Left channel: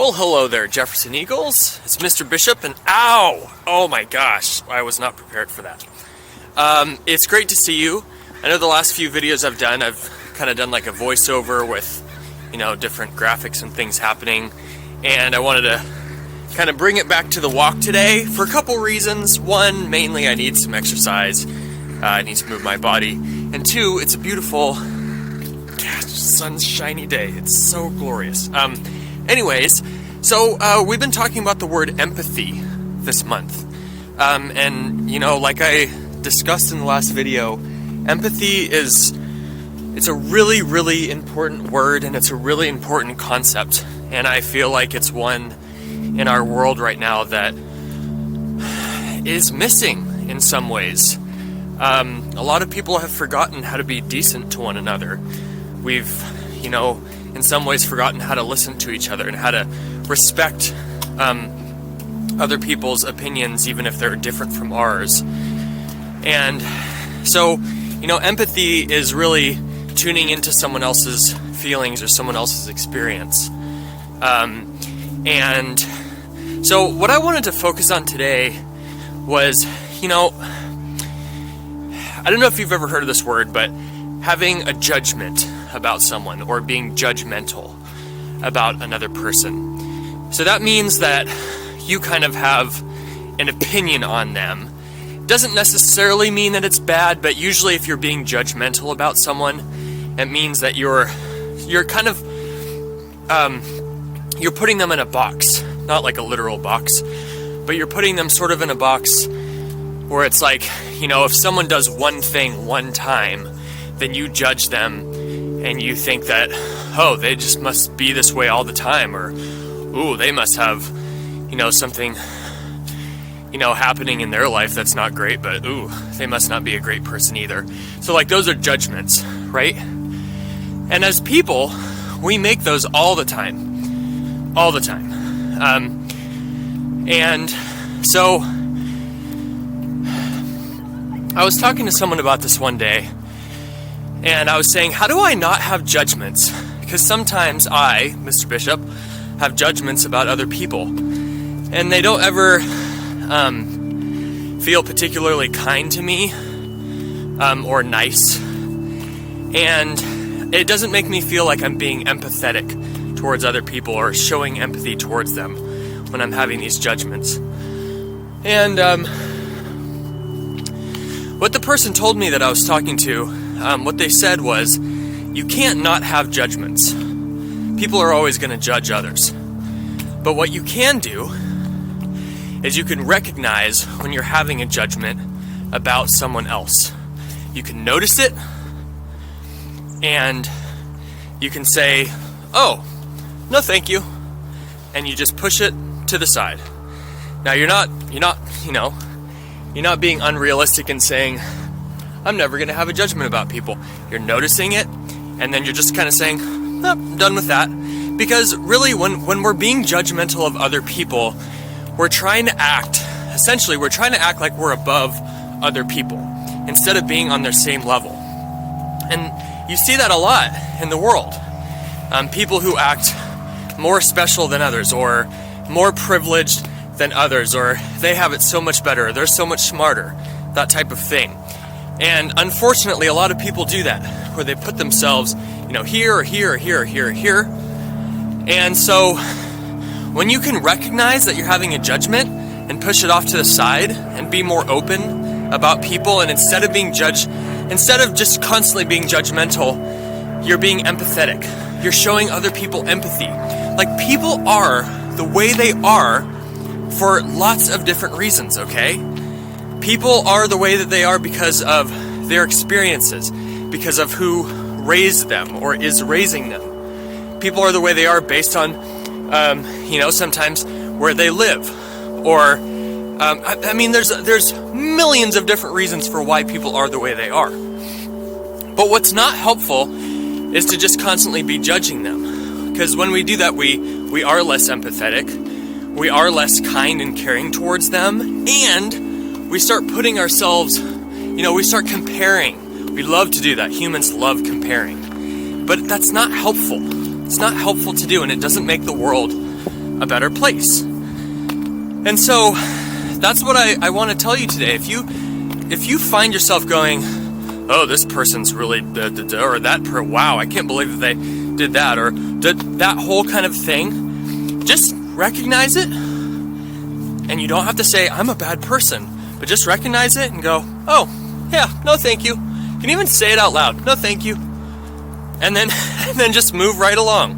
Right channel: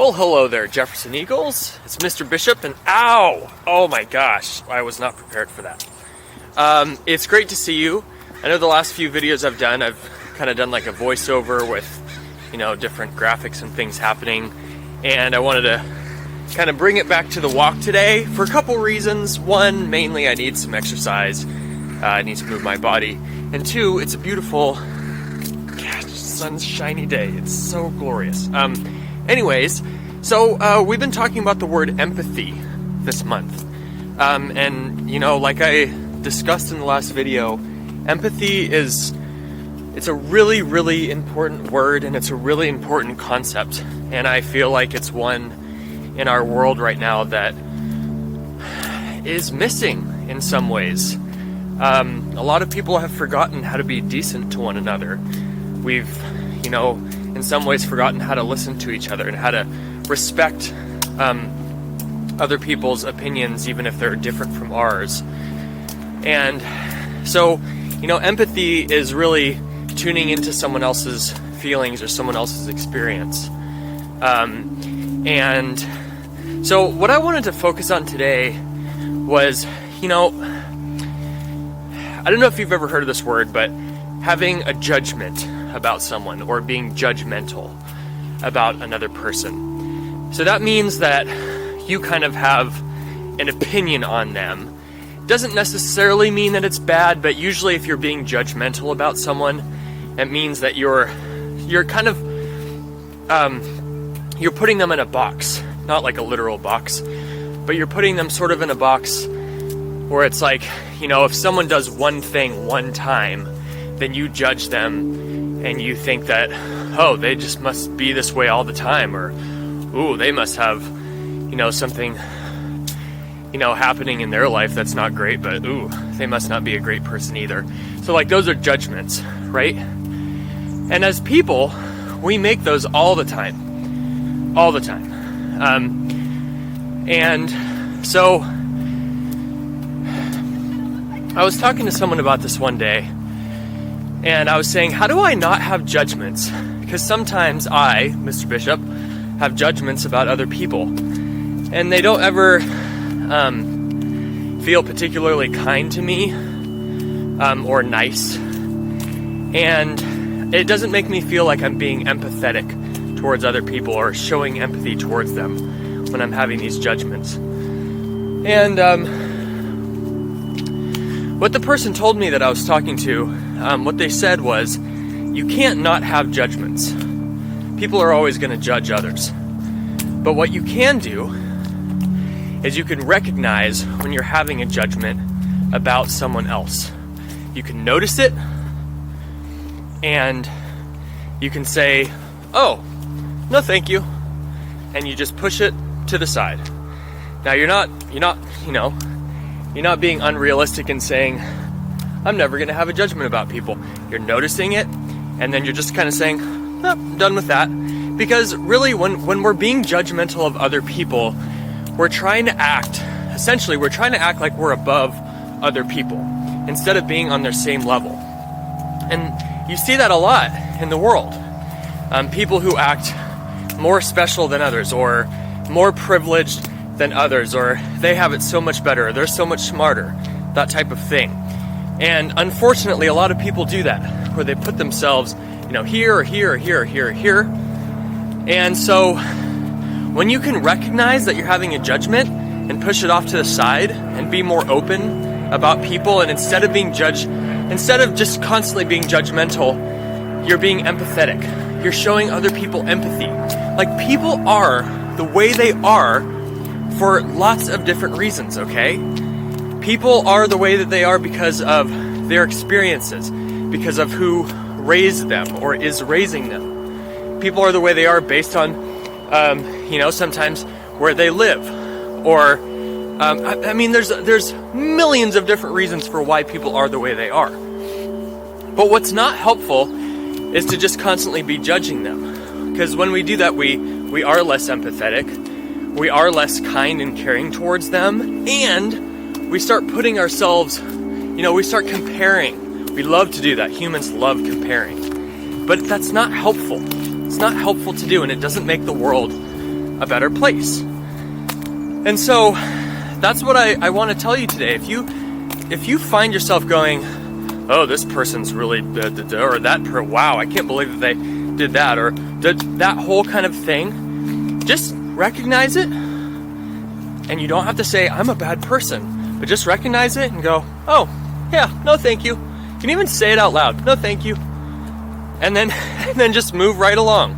Well, hello there, Jefferson Eagles. It's Mr. Bishop, and ow! Oh my gosh, I was not prepared for that. It's great to see you. I know the last few videos I've done, I've kind of done like a voiceover with, different graphics and things happening, and I wanted to kind of bring it back to the walk today for a couple reasons. One, mainly I need some exercise. I need to move my body. And two, it's a beautiful, sunshiny day. It's so glorious. Anyways, so we've been talking about the word empathy this month. And like I discussed in the last video, empathy it's a really, really important word, and it's a really important concept. And I feel like it's one in our world right now that is missing in some ways. A lot of people have forgotten how to be decent to one another. We've, in some ways forgotten how to listen to each other and how to respect other people's opinions, even if they're different from ours. And so, empathy is really tuning into someone else's feelings or someone else's experience. And so what I wanted to focus on today was, I don't know if you've ever heard of this word, but having a judgment about someone or being judgmental about another person. So that means that you kind of have an opinion on them. Doesn't necessarily mean that it's bad, but usually if you're being judgmental about someone, it means that you're kind of you're putting them in a box, not like a literal box, but you're putting them sort of in a box where it's like, if someone does one thing one time, then you judge them and you think that, oh, they just must be this way all the time, or, ooh, they must have, something, happening in their life that's not great, but ooh, they must not be a great person either. So like those are judgments, right? And as people, we make those all the time. And so I was talking to someone about this one day, and I was saying, how do I not have judgments? Because sometimes I, Mr. Bishop, have judgments about other people, and they don't ever feel particularly kind to me or nice, and it doesn't make me feel like I'm being empathetic towards other people or showing empathy towards them when I'm having these judgments. And what the person told me that I was talking to, what they said was, you can't not have judgments. People are always going to judge others. But what you can do is you can recognize when you're having a judgment about someone else. You can notice it, and you can say, oh, no thank you, and you just push it to the side. Now you're not being unrealistic and saying, I'm never going to have a judgment about people. You're noticing it, and then you're just kind of saying, nope, done with that. Because really, when we're being judgmental of other people, we're trying to act like we're above other people, instead of being on their same level. And you see that a lot in the world. People who act more special than others, or more privileged than others, or they have it so much better, or they're so much smarter, that type of thing. And unfortunately, a lot of people do that, where they put themselves, here or here or here or here or here. And so when you can recognize that you're having a judgment and push it off to the side and be more open about people, and instead of just constantly being judgmental, you're being empathetic. You're showing other people empathy. Like, people are the way they are for lots of different reasons, okay? People are the way that they are because of their experiences, because of who raised them or is raising them. People are the way they are based on, sometimes where they live, or, there's millions of different reasons for why people are the way they are. But what's not helpful is to just constantly be judging them. Because when we do that, we are less empathetic, we are less kind and caring towards them, and we start putting ourselves, we start comparing. We love to do that. Humans love comparing. But that's not helpful. It's not helpful to do, and it doesn't make the world a better place. And so that's what I want to tell you today. If you find yourself going, oh, this person's really or wow, I can't believe that they did that, or that whole kind of thing, just recognize it. And you don't have to say, I'm a bad person, but just recognize it and go, oh, yeah, no thank you. You can even say it out loud, no thank you. And then just move right along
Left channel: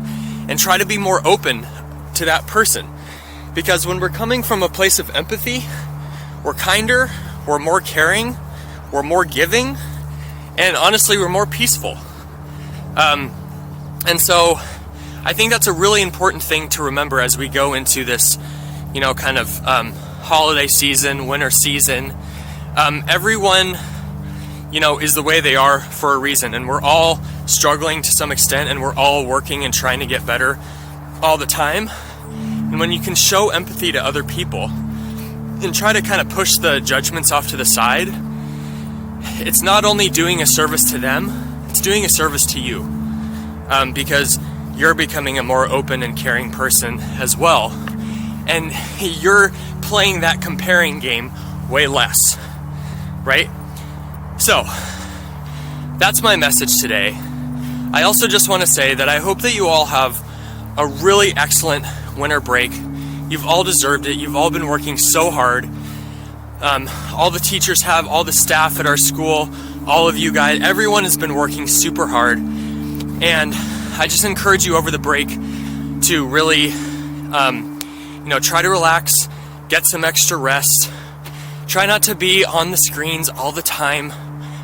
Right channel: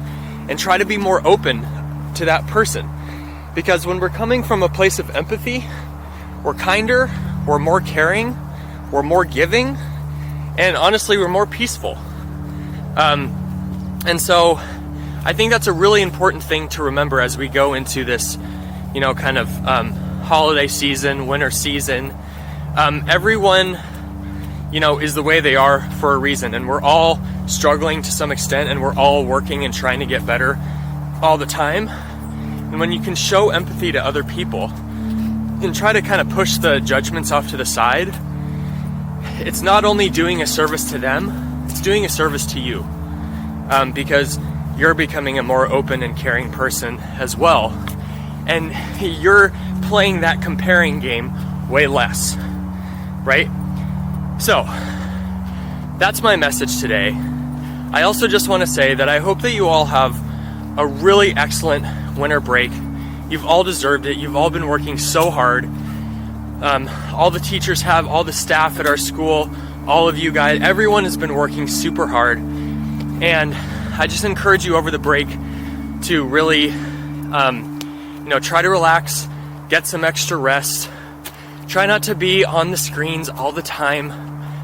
and try to be more open to that person. Because when we're coming from a place of empathy, we're kinder, we're more caring, we're more giving, and honestly, we're more peaceful. And so I think that's a really important thing to remember as we go into this, kind of holiday season, winter season. Everyone, is the way they are for a reason, and we're all struggling to some extent, and we're all working and trying to get better all the time. And when you can show empathy to other people and try to kind of push the judgments off to the side, it's not only doing a service to them, it's doing a service to you, because you're becoming a more open and caring person as well. And you're playing that comparing game way less, right? So, that's my message today. I also just want to say that I hope that you all have a really excellent winter break. You've all deserved it. You've all been working so hard. All the teachers have, all the staff at our school, all of you guys, everyone has been working super hard. And I just encourage you over the break to really, try to relax, get some extra rest. Try not to be on the screens all the time.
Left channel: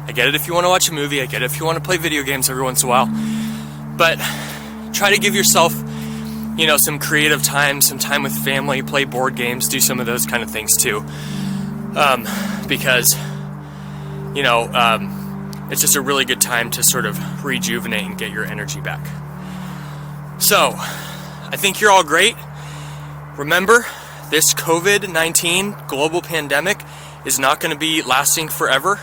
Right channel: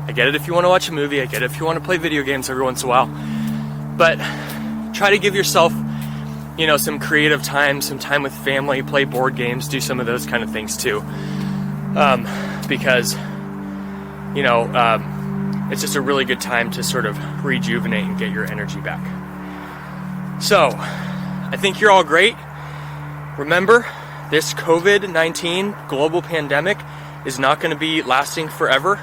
I get it if you want to watch a movie. I get it if you want to play video games every once in a while. But try to give yourself, some creative time, some time with family, play board games, do some of those kind of things too. Because, it's just a really good time to sort of rejuvenate and get your energy back. So, I think you're all great. Remember, this COVID-19 global pandemic is not going to be lasting forever.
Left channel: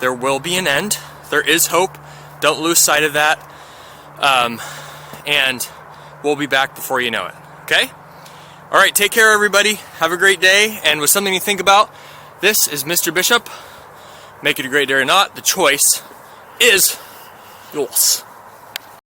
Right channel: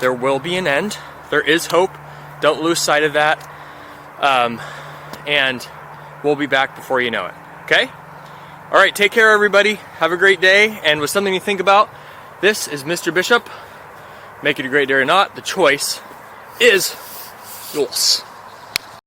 There will be an end. There is hope. Don't lose sight of that. And we'll be back before you know it. Okay? All right, take care, everybody. Have a great day. And with something to think about, this is Mr. Bishop. Make it a great day or not. The choice is yours.